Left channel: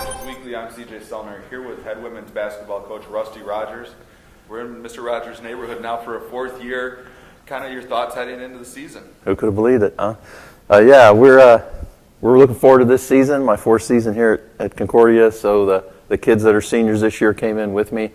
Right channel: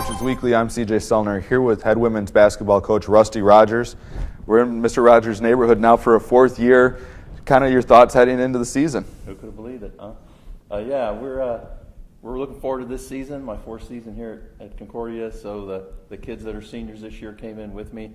Coaches Weekly. I'm CJ Selner here with head women's basketball coach Rusty Rogers. We're in Mr. Rogers' neighborhood now for a fourth year. Kind of your thoughts heading into the season? Who could have believed it, huh? Yeah, we're looking forward to this season, my fourth season here at Concordia. So the kids that are seniors this year came in with me.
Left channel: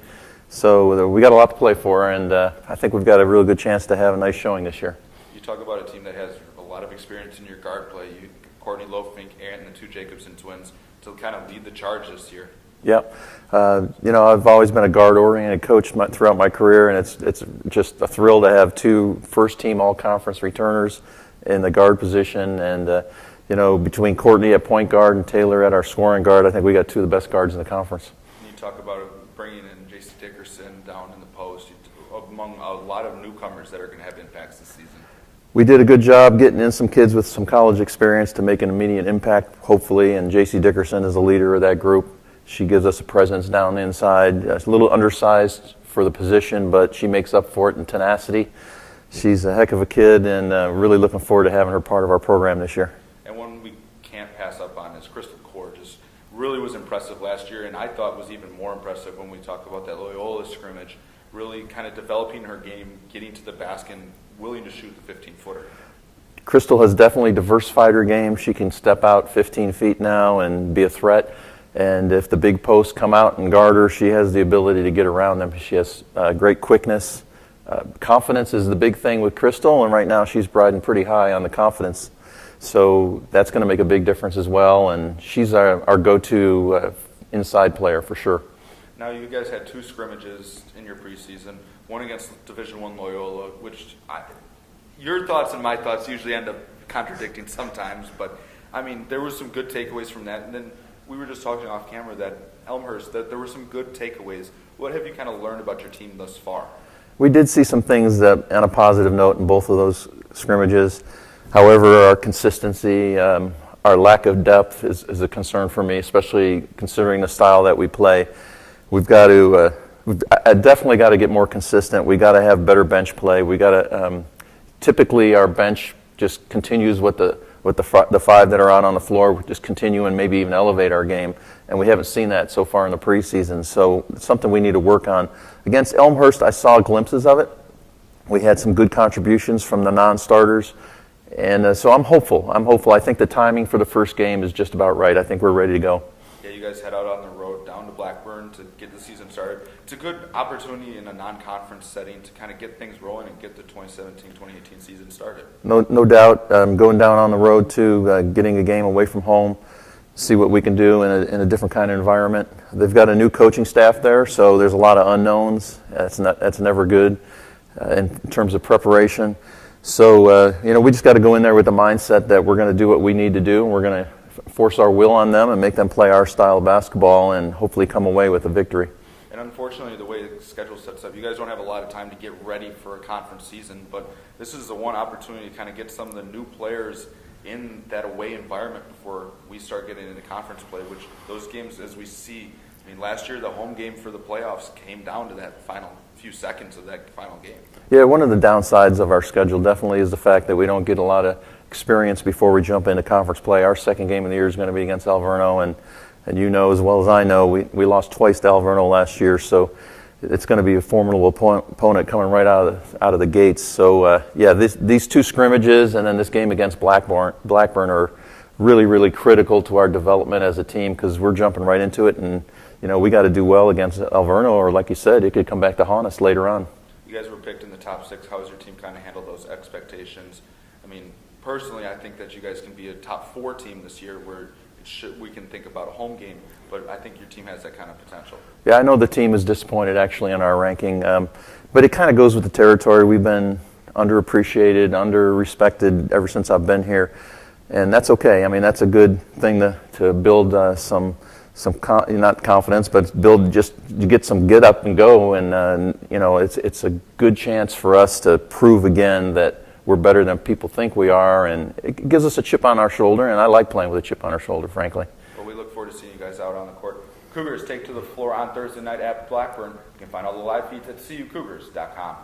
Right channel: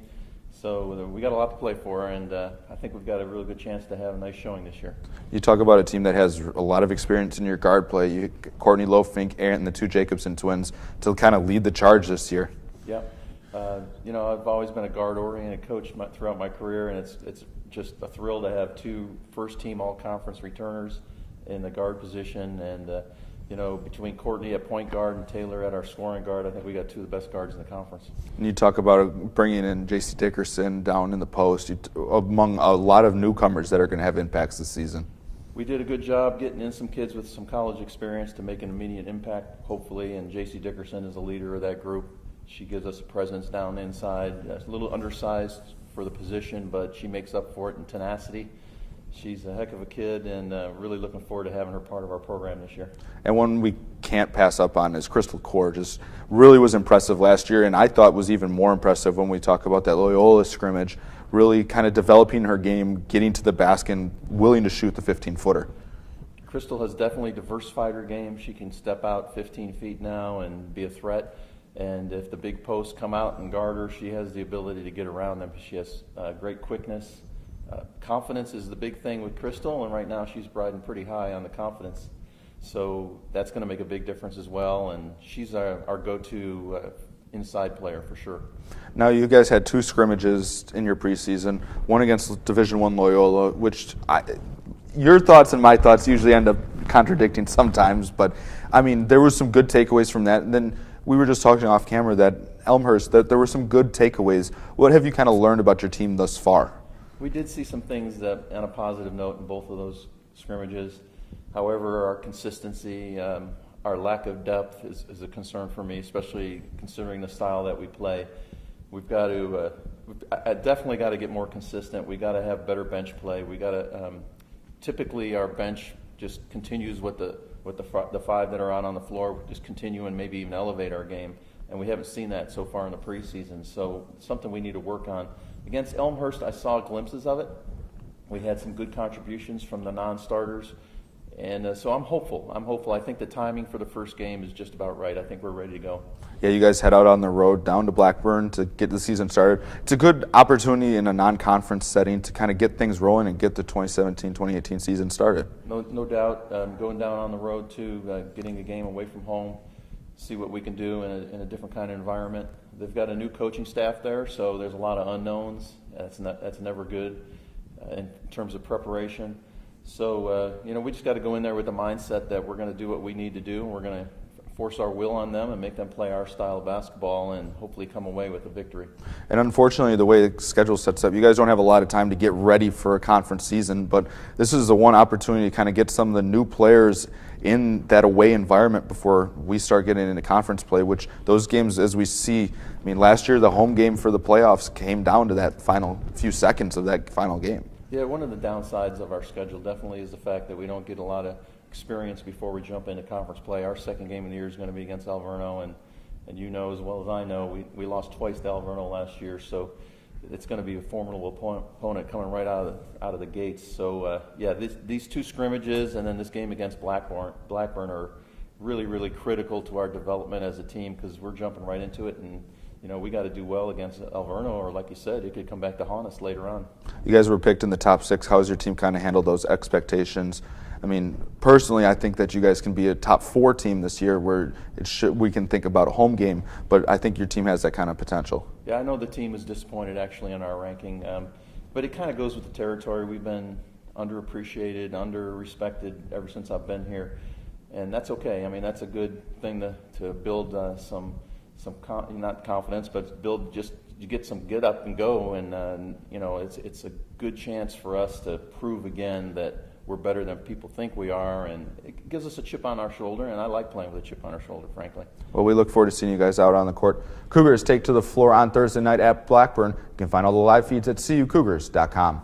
So we got a lot to play for, and I think we've got a really good chance to have a nice showing this year. You talk about a team that has a lot of experience in your guard play. Courtney Lofink, and the two Jacobson twins to kind of lead the charge this year. Yep. I've always been a guard-oriented coach throughout my career, and it's just a thrill to have two first-team all-conference returners in the guard position. And, between Courtney at point guard and Taylor at our scoring guard, I think we got two of the best guards in the conference. And you talk about bringing in J.C. Dickerson down in the post, among a lot of newcomers that are going to have impacts this season. We did a good job getting in some kids with some college experience to make an immediate impact, hopefully, and J.C. Dickerson is the leader of that group. She gives us a presence down the inside. A little undersized for the position, but she makes up for it in tenacity. She's a heck of a kid, and really looking forward to having her part of our program this year. And one we can't pass up on is Crystal Core. Just really was impressive last year, and I thought was even more impressive when we talk about that Loyola scrimmage, really kind of developing her game, getting to the basket, and willing to shoot the 15-footer. Crystal has definitely diversified her game. She can step out 15 feet now and be a threat. And if the big posts come out and guard her, she has the ability to get around them. She has great quickness. Confidence is the big thing with Crystal, and right now she's riding pretty high on the confidence. So that's going to make a big difference as well, and she's our go-to inside player for sure. Now you guys had two scrimmages in your preseason, one against Division I Loyola, which your thoughts and my thoughts usually end up contradicting sometimes, but I mean there was some good takeaways from that. And then we were just talking off camera that Elmhurst, that there were some good takeaways. What have you kind of learned about your team thus far? We did see some things that, on a positive note in both of those scrimmages. However, our consistency, our lack of depth is a concern for me, especially considering the style that we play. We've got to, I definitely got to get more consistent. We got to have better bench play. We got to, typically our bench just continues with the five that are out on the floor, just continue and maybe even elevate our game. And we haven't seen that so far in the preseason. So it's something we need to work on. Against Elmhurst, I saw glimpses of it. We had some good contributions from the non-starters. And so I'm hopeful. I think the timing for the first game is just about right. I think we're ready to go. Yeah, you guys head out on the road down to Blackburn to get the season started. It's a good opportunity in a non-conference setting to kind of get things rolling and get the 2017-2018 season started. No doubt. Going down on the road too, getting a game away from home, see what we can do in a different kind of environment. They've got a new coaching staff there, so there's a lot of unknowns. That's never good in terms of preparation. So, we just got to go in there with the mindset that we're going to do what we need to do, and we're going to force our will on them and make them play our style of basketball and hopefully come away with a victory. And unfortunately, the way the schedule sets up, you guys don't have a lot of time to get ready for a conference season, but this is the one opportunity to kind of get some of the new players in that away environment before we start getting into conference play, which those games, as we see, I mean, last year the home game for the playoffs came down to that final few seconds of that final game. Yeah, one of the downsides of our schedule definitely is the fact that we don't get a lot of experience before we jump into conference play. Our second game of the year is going to be against Alverno, and you know as well as I know, we lost twice to Alverno last year, so it's going to be a formidable opponent coming right out of the gates. So, these two scrimmages and then this game against Blackburn are really, really critical to our development as a team because we're jumping right into it, and we got to do well against Alverno, or like you said, it could come back to haunt us later on. You guys were picked in the top 6. How has your team kind of handled those expectations? I mean, personally, I think that you guys can be a top 4 team this year where we can think about a home game, but I think your team has that kind of potential. Yeah, I know the team is disappointed actually in our ranking, but it kind of goes with the territory. We've been underappreciated, under-respected ever since I've been here, and that's okay. I mean, that's a good thing to build not confidence, but build just to get some get up and go, and it's a good chance for us to prove again that we're better than people think we are, and it gives us a chip on our shoulder, and I like playing with a chip on our shoulder, frankly. Well, we look forward to seeing you guys out on the court. Cougars take to the floor on Thursday night at Blackburn. You can find all the live feeds at cucougars.com.